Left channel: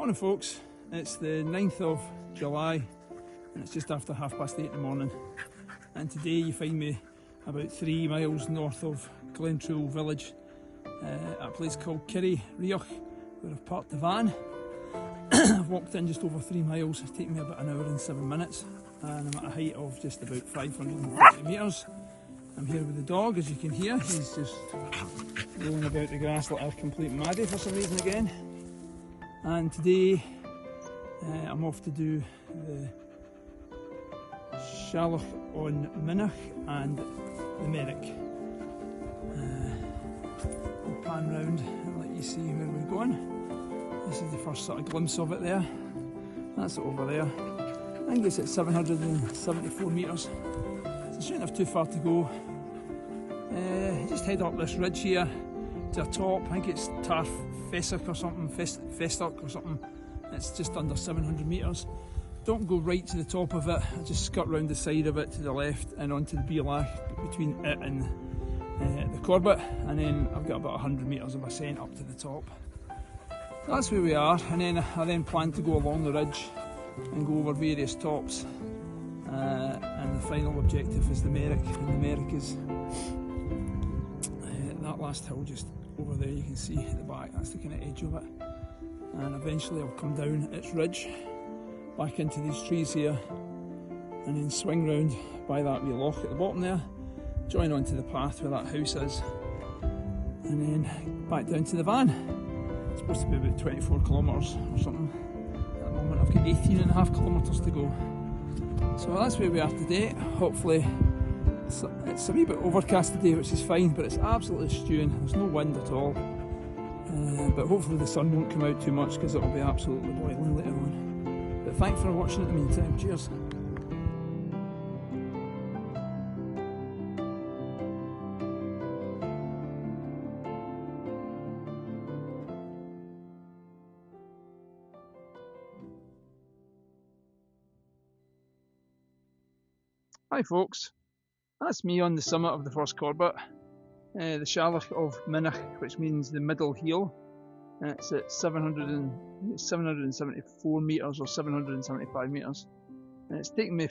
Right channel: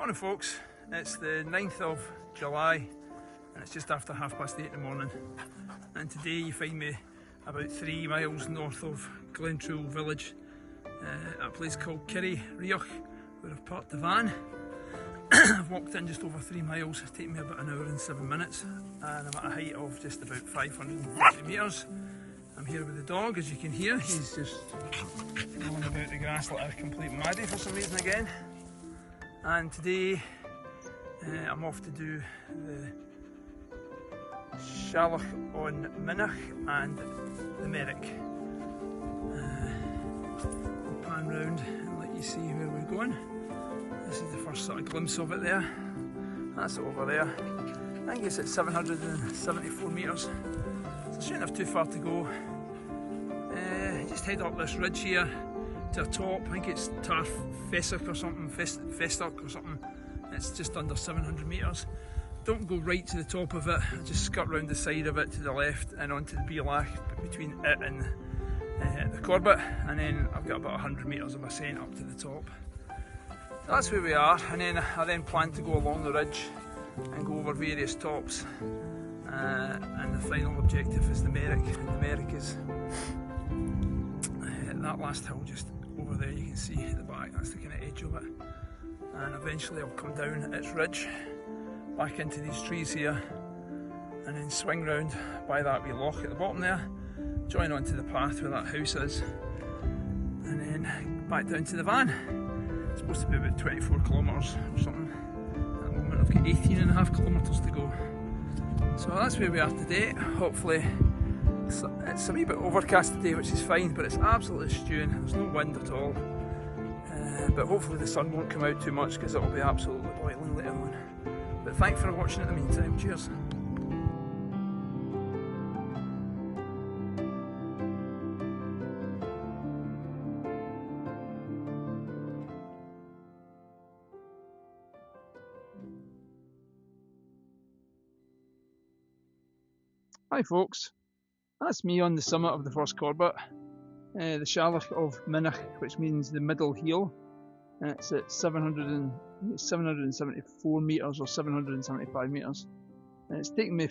Morning folks, it's the 9th of July and it's just after 8:30 in the morning, and today you find me about 3 miles north of Glentrool village at a place called Rhinns, where I've parked the van. I've walked in just over 3 miles, it's taken me about an hour and 7 minutes, and I'm at a height of just about 550 metres. I'm here with the dog, as you can hear. He's just rolling about the grass like a complete maddie for some reason again. And today I'm off to do the Shalloch on Minnoch and the Merrick. We'll pan round and let you see where we're going. This is the first sort of glimpse of it there. That's it over there. I think it's at 774 metres. So I shouldn't have too far to go. Just head up this ridge here to the top. I think it's Tarf Fessock or something, Festock or something. It's just under 700 metres. Don't go right to the top of it, I just skirt round the side of it to the left and onto the Shalloch between it and the Corbett, and then I've got about 100 metres of ascent up to the top. So that's where we are, and then I plan to go along the ridge and go over various tops, and the final objective is the Merrick, and the Merrick is that last hill just over there. You can see at the back, that's the kind of edge of it, and eventually I'll come down its ridge back into these trees here and then swing round by that wee loch at the bottom there, join onto the path where that house is, and then back down to the van. It's supposed to be about 24 kilometres or something. At the moment I've got 18.5 kilometres to go. So that's where we are today. Hopefully it's a wee bit overcast today, which is fine, but it's absolutely stewing. There's no wind at all, but hopefully the sun won't come out too much because it'll be absolutely boiling later on. But thanks for watching in the meantime. Cheers. Hi folks, that's me on the summit of the first Corbett, the Shalloch of Minnoch, which means the middle heel. It's at 774 metres or 775 metres, and it's taken me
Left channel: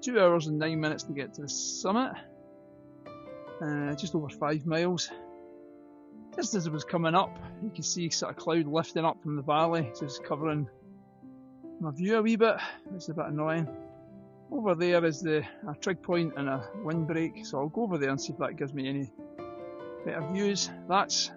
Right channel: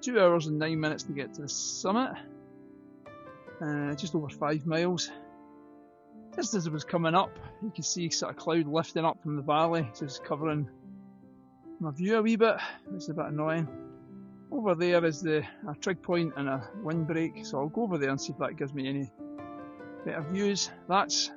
2 hours and 9 minutes to get to the summit, just over 5 miles. Just as it was coming up, you can see sort of cloud lifting up from the valley, just covering my view a wee bit, which is a bit annoying. Over there is a trig point and a windbreak, so I'll go over there and see if that gives me any better views. That's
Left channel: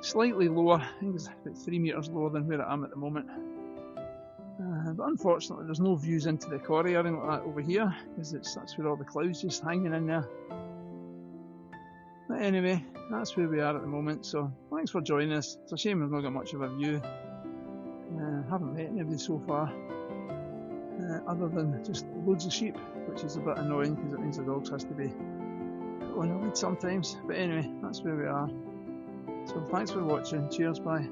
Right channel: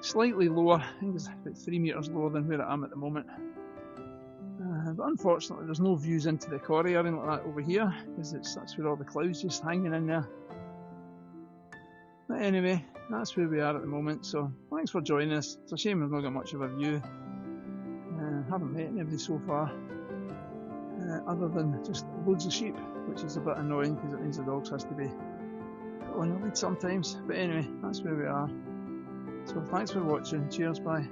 slightly lower, I think it's about 3 metres lower than where I am at the moment. But unfortunately there's no views into the quarry or anything like that over here, because that's where all the clouds just hanging in there. But anyway, that's where we are at the moment, so thanks for joining us. It's a shame I've not got much of a view. Haven't met anybody so far, other than just loads of sheep, which is a bit annoying because it means the dogs has to be put on the lead sometimes. But anyway, that's where we are. So thanks for watching, cheers, bye.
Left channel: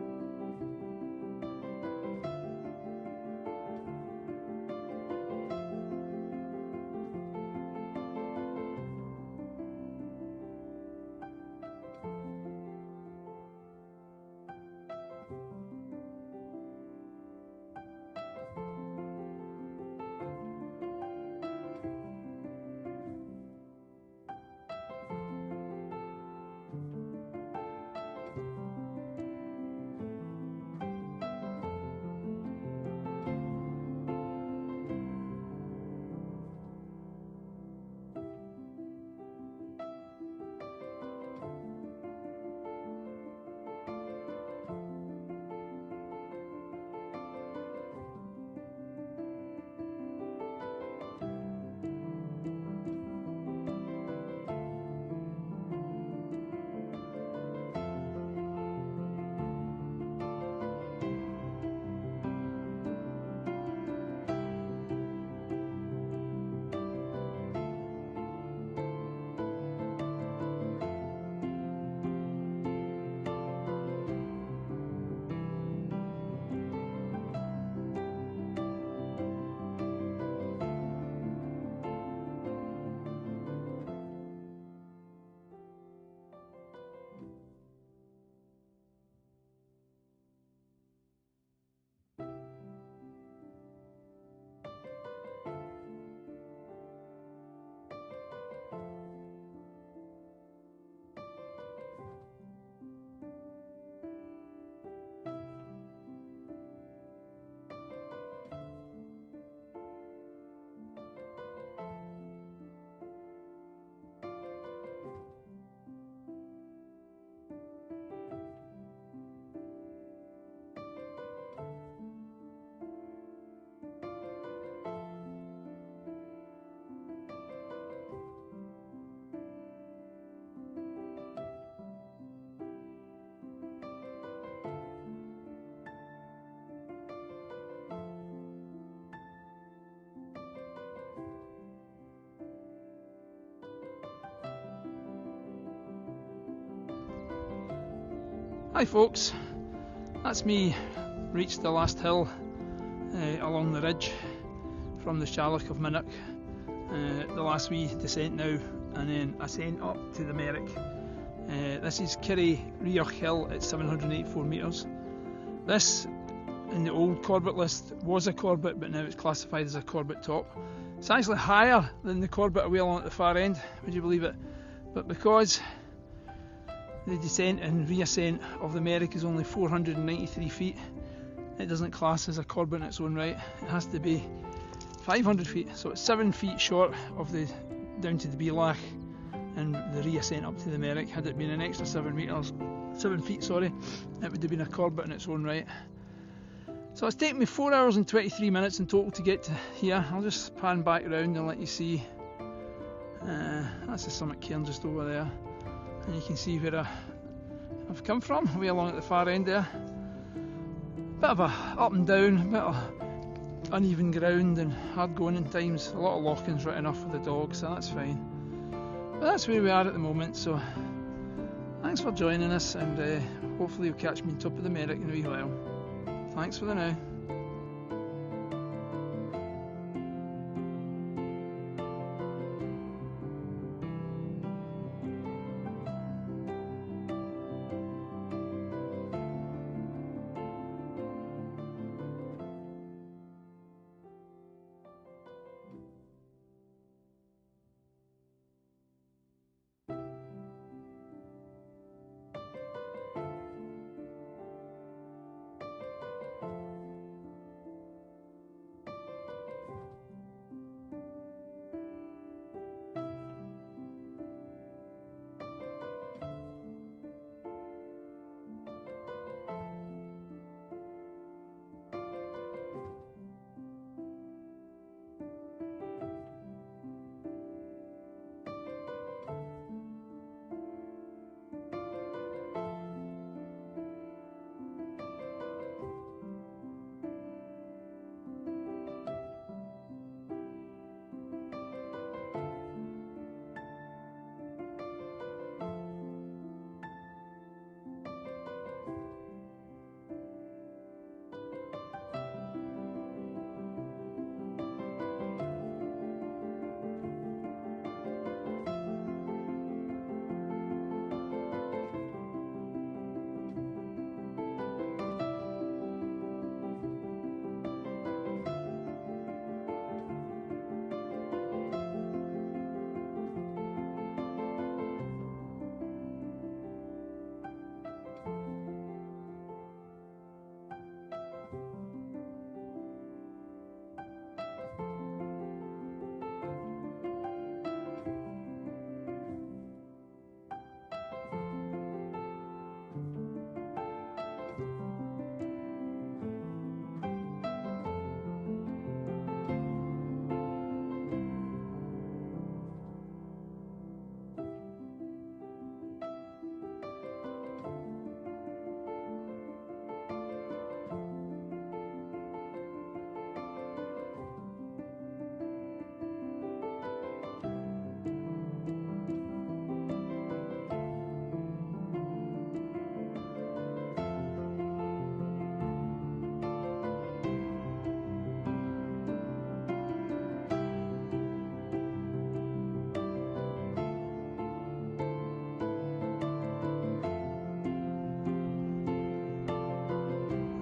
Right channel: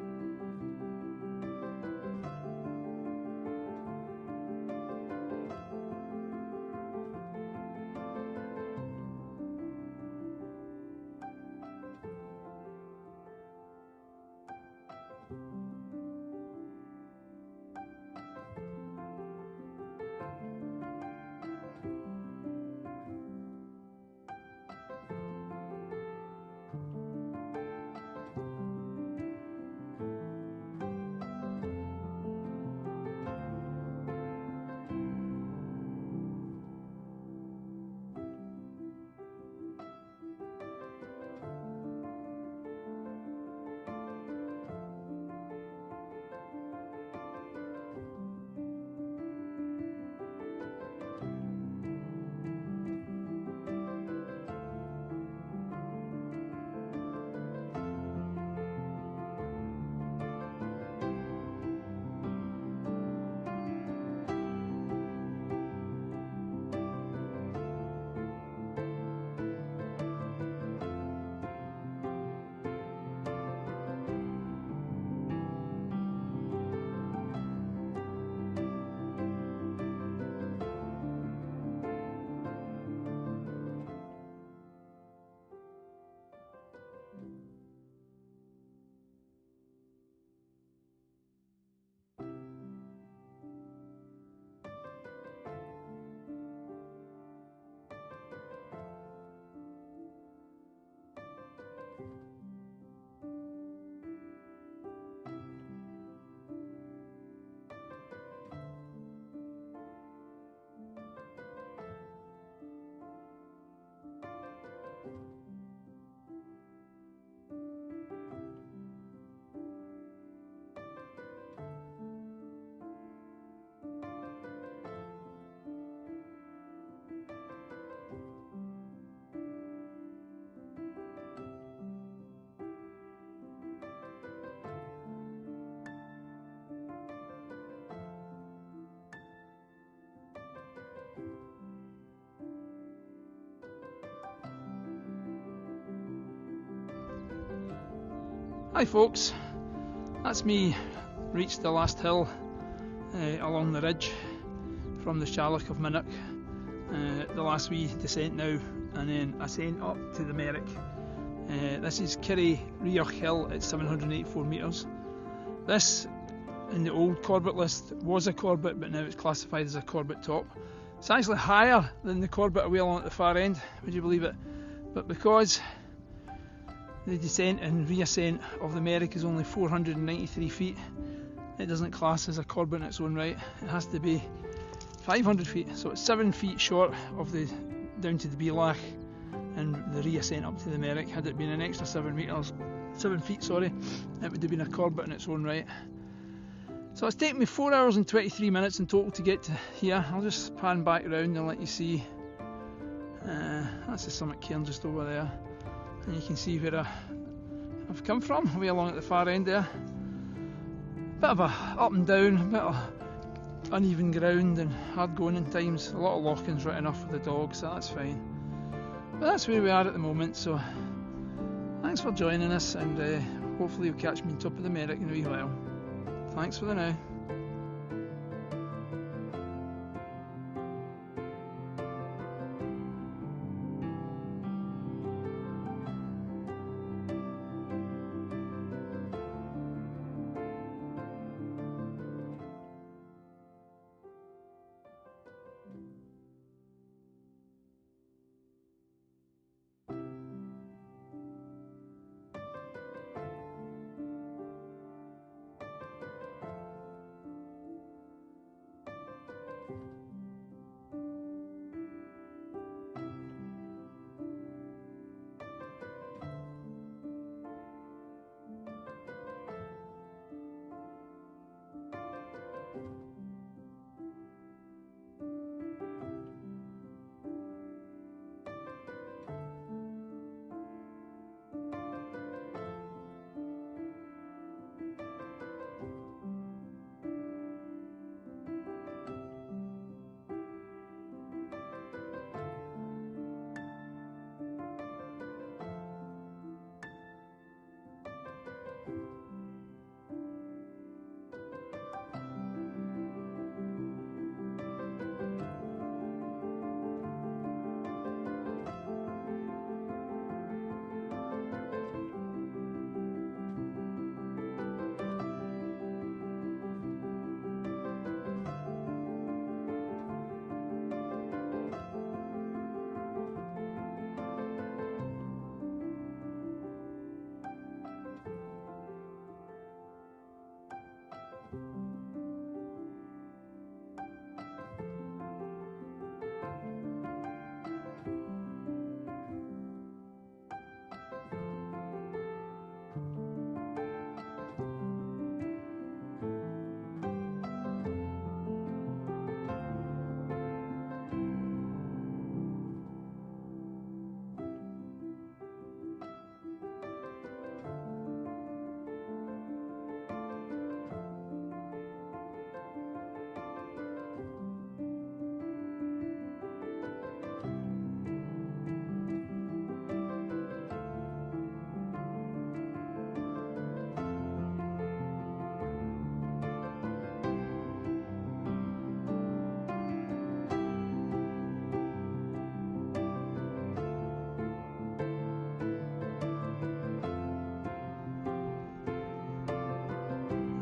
Hi folks, that's me reached the last hill along the ridge from the Shalloch of Minnoch. The last wee descent now, and then ascent up to the Merrick. This is Rhinns of Kells at 784 metres. This, in the old Corbett list, was a Corbett, but now it's classified as a Corbett top. It's actually higher than the Corbett away along at the far end, would you believe it? But because the descent and reascent of the Merrick is only 493 feet, it doesn't class as a Corbett in its own right. It has to be 500 feet, so it's 7 feet short of the down to the Beelach and the reascent up to the Merrick. Had it been an extra 7 feet, it would have been a Corbett in its own right. So it's taken me 4 hours and 23 minutes in total to get to here. I'll just pan back around and let you see. That's the summit cairn just over there, and you can see where I've come from, way along at the far end there. Bit of a up and down, bit of uneven ground and hard going in times. A lot of lockings right enough for the dog, so that's fine. But that's where we are at the moment, so thanks for joining us, and hopefully you'll catch me on top of the Merrick in a wee while. Thanks for the now.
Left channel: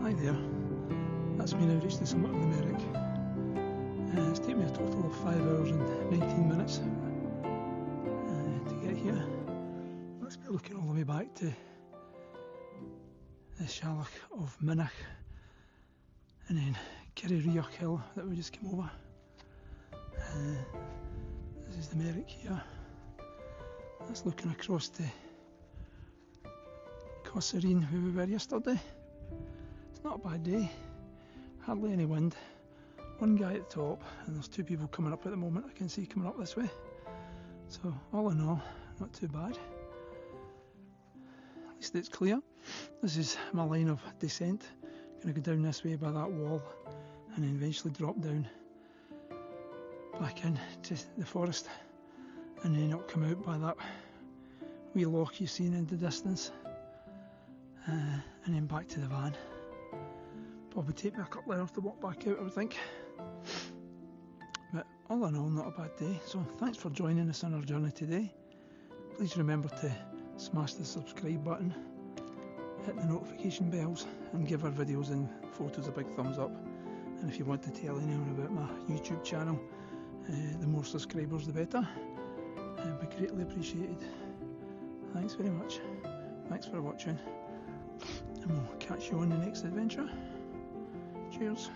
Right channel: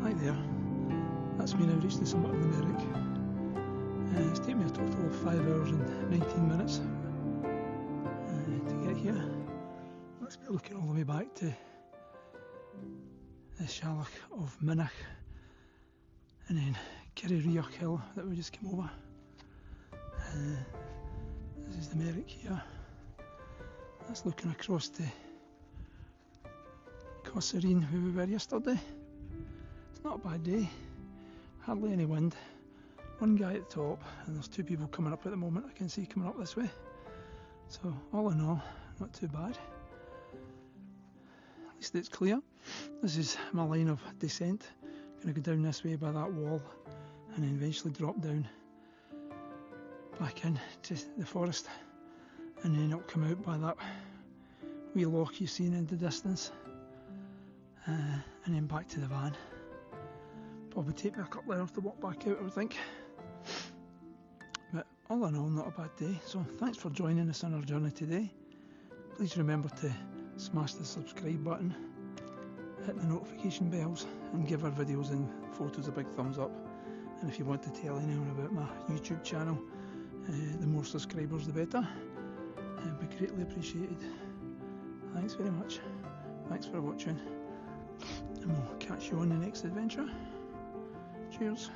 Hi there, that's me now reached the summit of the Merrick. It's taken me a total of 5 hours and 19 minutes to get here. Let's be looking all the way back to the Shalloch of Minnoch, and then Rhinns of Kells that we just came over. This is the Merrick here. That's looking across to Corserine, where we were yesterday. It's not a bad day, hardly any wind, one guy at the top, and there's 2 people coming up at the moment I can see coming up this way. So all in all, not too bad. At least it's clear. This is my line of descent. Going to go down this way by that wall and then eventually drop down back into the forest, and then it'll come out by that wee loch you've seen in the distance. and then back to the van. Probably take me a couple of hours to walk back out, I would think. But all in all, not a bad day. So thanks for joining us on our journey today. Please remember to smash the subscribe button, hit the notification bells, and give our videos and photos a big thumbs up. And if you want to tell anyone about my YouTube channel, the more subscribers the better. It'd be greatly appreciated. Thanks very much. Thanks for watching, and we'll catch you on the next adventure. Cheers.